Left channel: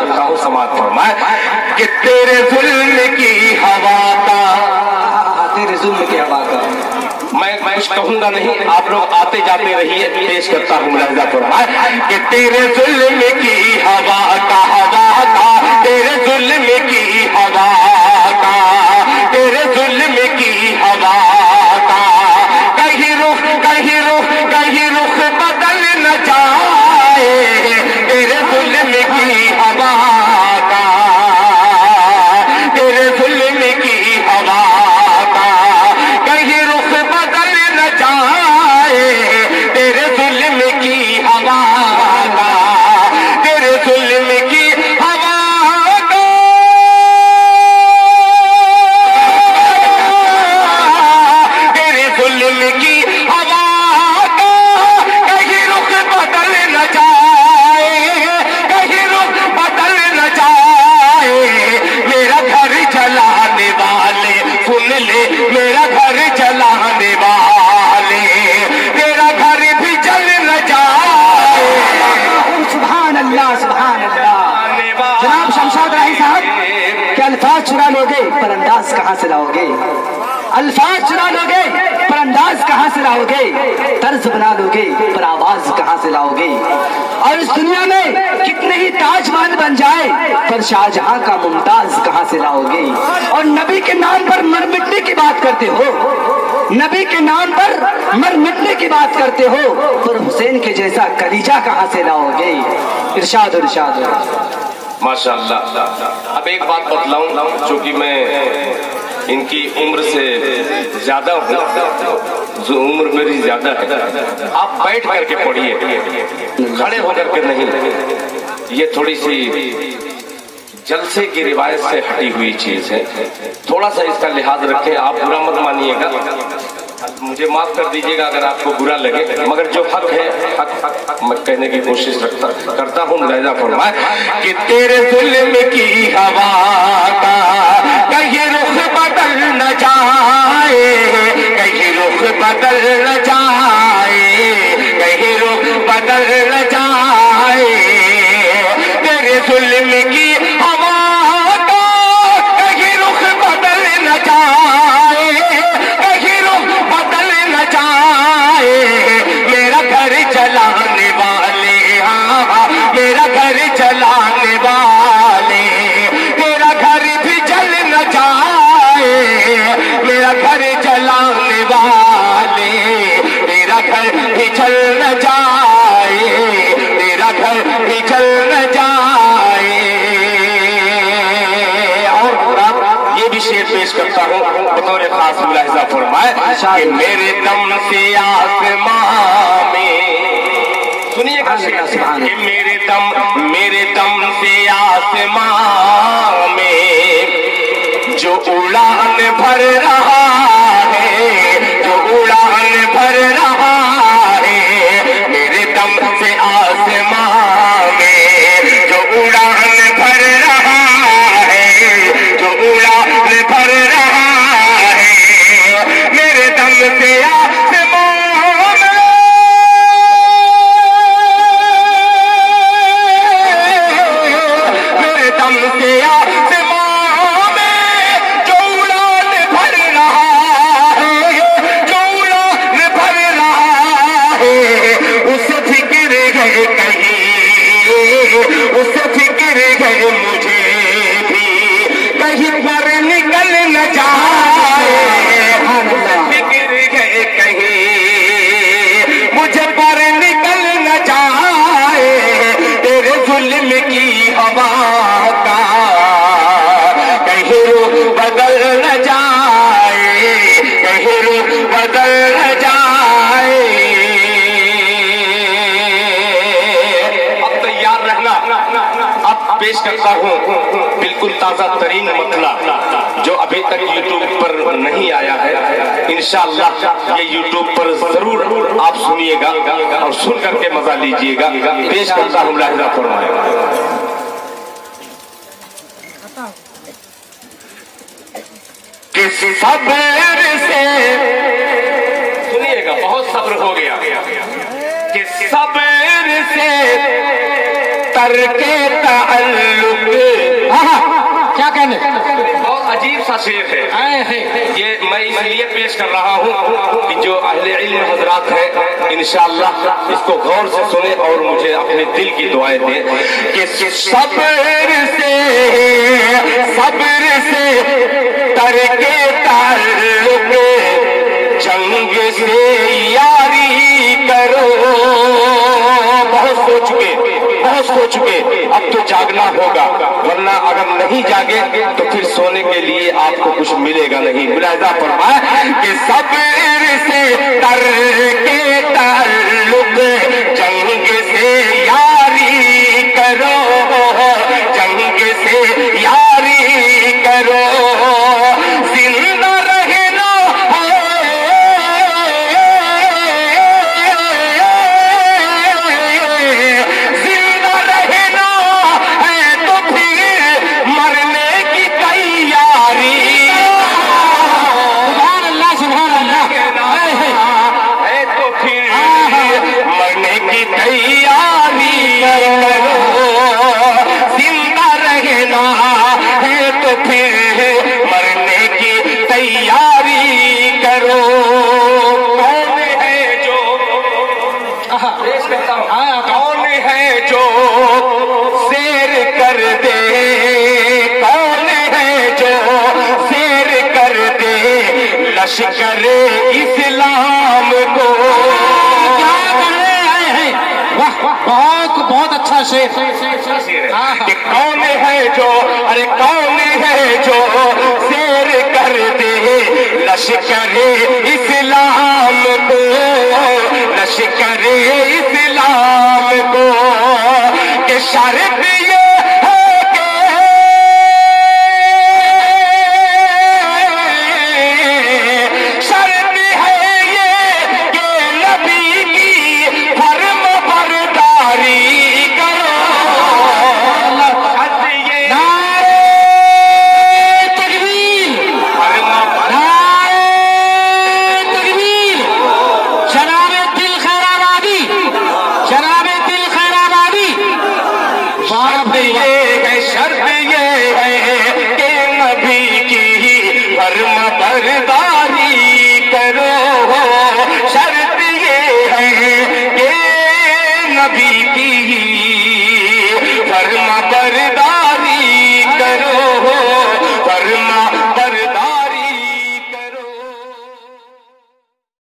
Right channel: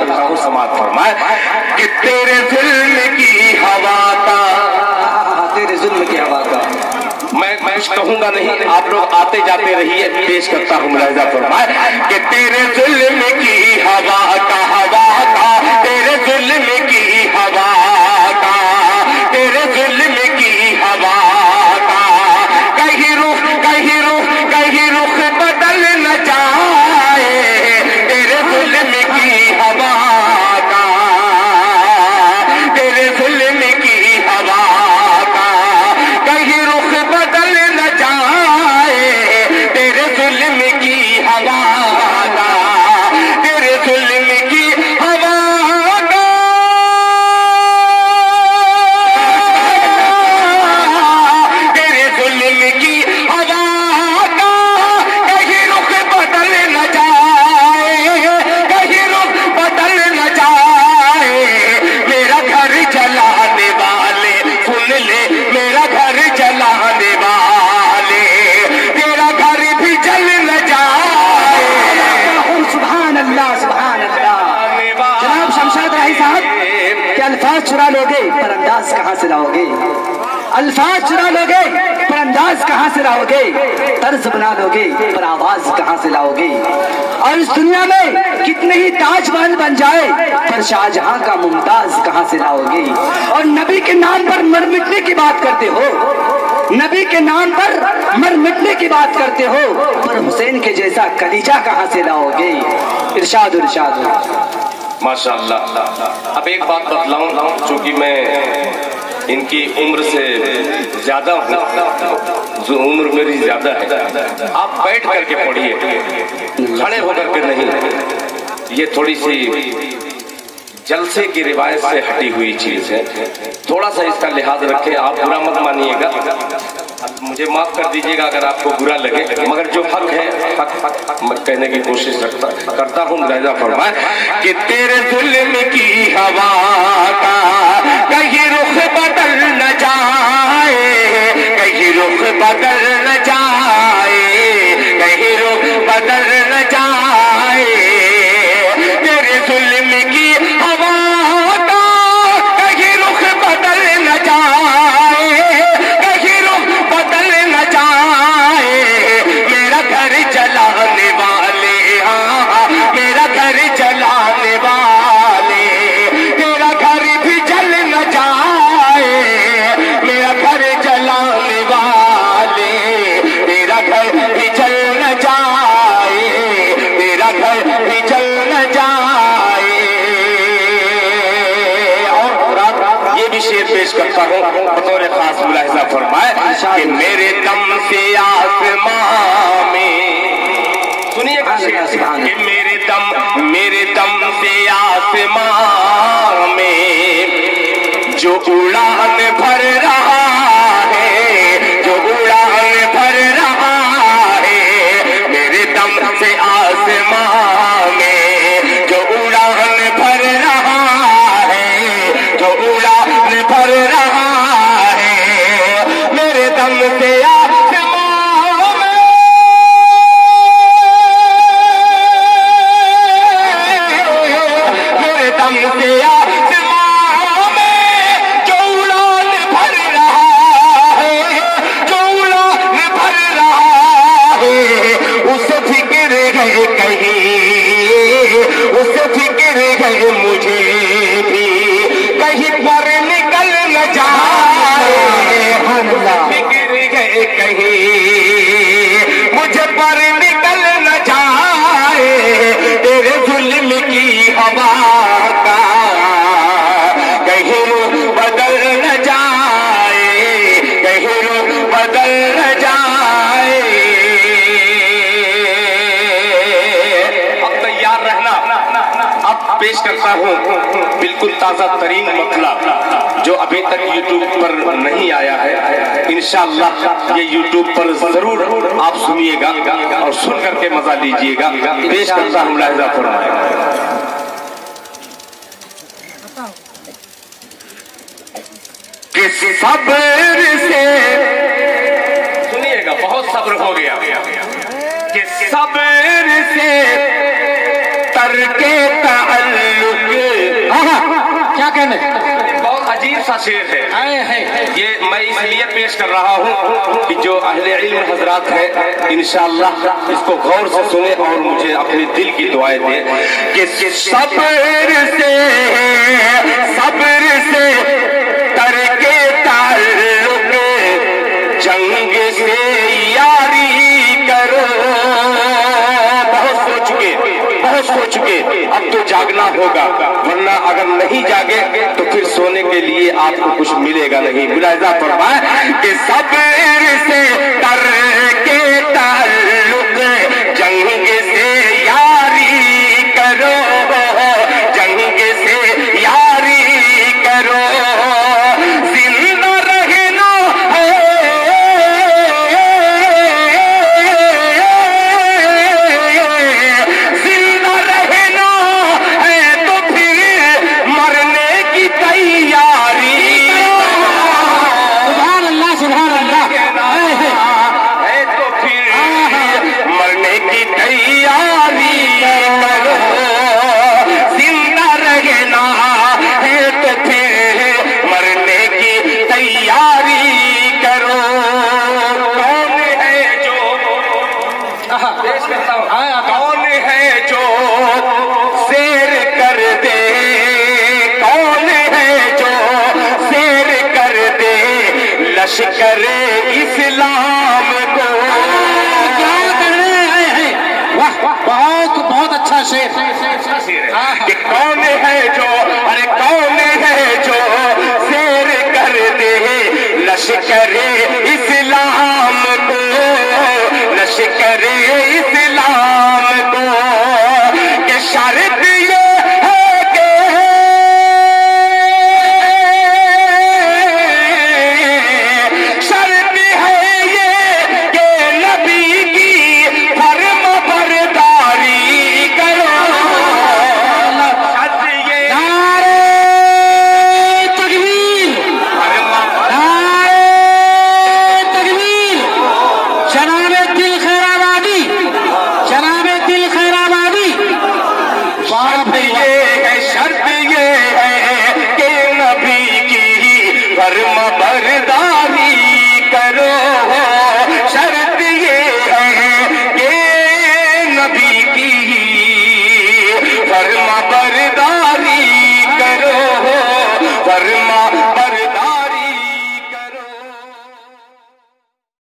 کرتا ہوں سماعت فرمائے کہ تیرے ظلم کی ہوا کا، تیرے ظلم کی ہوا کا میں کچھ کہوں گا نہیں، آپ لوگ آتے جاتے رہیے، پیش کرتا ہوں ملاحظہ فرمائے کہ تیرے ظلم کی ہوا کا، تیرے ظلم کی ہوا کا، تیرے ظلم کی ہوا کا، کہیں رخ بدل نہ جائے، تیرے ظلم کی ہوا کا، تیرے ظلم کی ہوا کا، کہیں رخ بدل نہ جائے، تیرے ظلم کی ہوا کا، تیرے ظلم کی ہوا کا، تیرے ظلم کی ہوا کا، کہیں رخ بدل نہ جائے، کہیں رخ بدل نہ جائے، میرا گھر جلانے والے سن لے، میرا گھر جلانے والے، تیرا گھر بھی جل نہ جائے، سبحان اللہ سبحان اللہ۔ جناب شمشاد راہی صاحب، کیا الفاظ چرا لوگے پر انداز کہاں سے لاؤ گے؟ الفاظ چرا لوگے پر انداز کہاں سے لاؤ گے؟ طرز بنا لوگے پر آواز کہاں سے لاؤ گے؟ اور اس دنیا میں کتنے ہی تاج محل بن جائے، پھر شاہجہاں کا ممتاز کہاں سے لاؤ گے؟ اور نبی کے نام پر مر مٹنے کی بات کرتے ہو، نبی کے نام پر مر مٹنے کی بات کرتے ہو، پھر حسین کے جیسا کلیجہ کہاں سے لاؤ گے؟ ارشاد ارشاد۔ ماشاء اللہ۔ اب ایک بات بتلاؤں، چونکہ میں ان کی عمر سے زیادہ ہوں، جو عمر میری زیادہ ہے، آپ بیٹھ کر کے پڑھیے، کھڑے ہو کر کے نہیں، یہ تھوڑی سی جلسے کی روایت سے ہٹی ہوئی چیز ہے، تھوڑا سا اس کا لحاظ رکھیں، آپ برا مت مانیے گا، مجھے معاف کر دیجیے گا اگر آپ کو برا لگے، مگر جو حق ہے حق میں کہنے کی کوشش کرتا ہوں۔ ملاحظہ فرمائے کہ تیرے ظلم کی ہوا کا، کہیں رخ بدل نہ جائے، کہیں رخ بدل نہ جائے، کہیں رخ بدل نہ جائے، تیرے ظلم کی ہوا کا، کہیں رخ بدل نہ جائے، کہیں رخ بدل نہ جائے، میرا گھر جلانے والے، میرا گھر جلانے والے، تیرا گھر بھی جل نہ جائے، میرا گھر جلانے والے، تیرا گھر بھی جل نہ جائے، تیرا گھر بھی جل نہ جائے۔ اور یہ بھی شعر پیش کرتا ہوں بطور خاص، ملاحظہ فرمائے کہ میرے دم سے آسمان میں، سنیے گا کہ میرے دم سے آسمان میں جو اڑان بھر رہا ہے، جو اڑان بھر رہا ہے، میرے دم سے آسمان میں جو اڑان بھر رہا ہے، جو اڑان بھر رہا ہے، میرے دم سے اسے فکر ہے مجھے بھی، کہیں پر نکل نہ جائے، فکر ہے کہیں مجھے پر نکل نہ جائے، تیرے ظلم کی ہوا کا، کہیں رخ بدل نہ جائے، کہیں رخ بدل نہ جائے۔ اب پیش کرتا ہوں بالکل تازہ ترین مطلع جو ابھی تک یوٹیوب پر نہیں آیا ہے، انشاءاللہ یہ یوٹیوب پر ضرور آپ سنیے گا اور سن کر کے مزہ لیجیے گا۔ پیش کرتا ہوں ملاحظہ فرمائے کہ صبر سے، سنیے گا بہت صبر ہو گیا، کہ صبر سے ترک تعلق کیا کہنے؟ بہت عجیب سا شعر ہے یہ، میں اس لیے پیش کر رہا ہوں کہ جو اہل علم حضرات ہیں انشاءاللہ اس کو غور سے سنیں اور مجھے اپنے دل کی دعائیں دیں کہ صبر سے ترک تعلق جنگ سے یاری کرو. بہت سو چکے اب تو جاگنا ہوگا، ورنہ اگر نہیں جاگے تو پھر سونے کے لیے آپ کو کچھ ملے گا نہیں. ملاحظہ فرمائے کہ صبر سے ترک تعلق جنگ سے یاری کرو، جنگ سے یاری کرو. زندہ رہنا زندہ رہنا ہے تو پھر مرنے کی تیاری. سبحان اللہ سبحان اللہ. ہے تو پھر مرنے کی تیاری کرو. زندہ رہنا ہے تو پھر مرنے کی تیاری کرو. کون ہے جو کون ہے جو سیر کر دے، کون ہے جو سیر کر دے لشکر اسلام کو. کیا کرنے آئے ہیں؟ بہت اچھا شعر. کہ کون ہے جو، ارے کون ہے جو سیر کر دے لشکر اسلام کو، لشکر اسلام کو. کہ شرط یہ ہے کہ شرط ہے یہ کہ نبی کی فرم برداری کرو.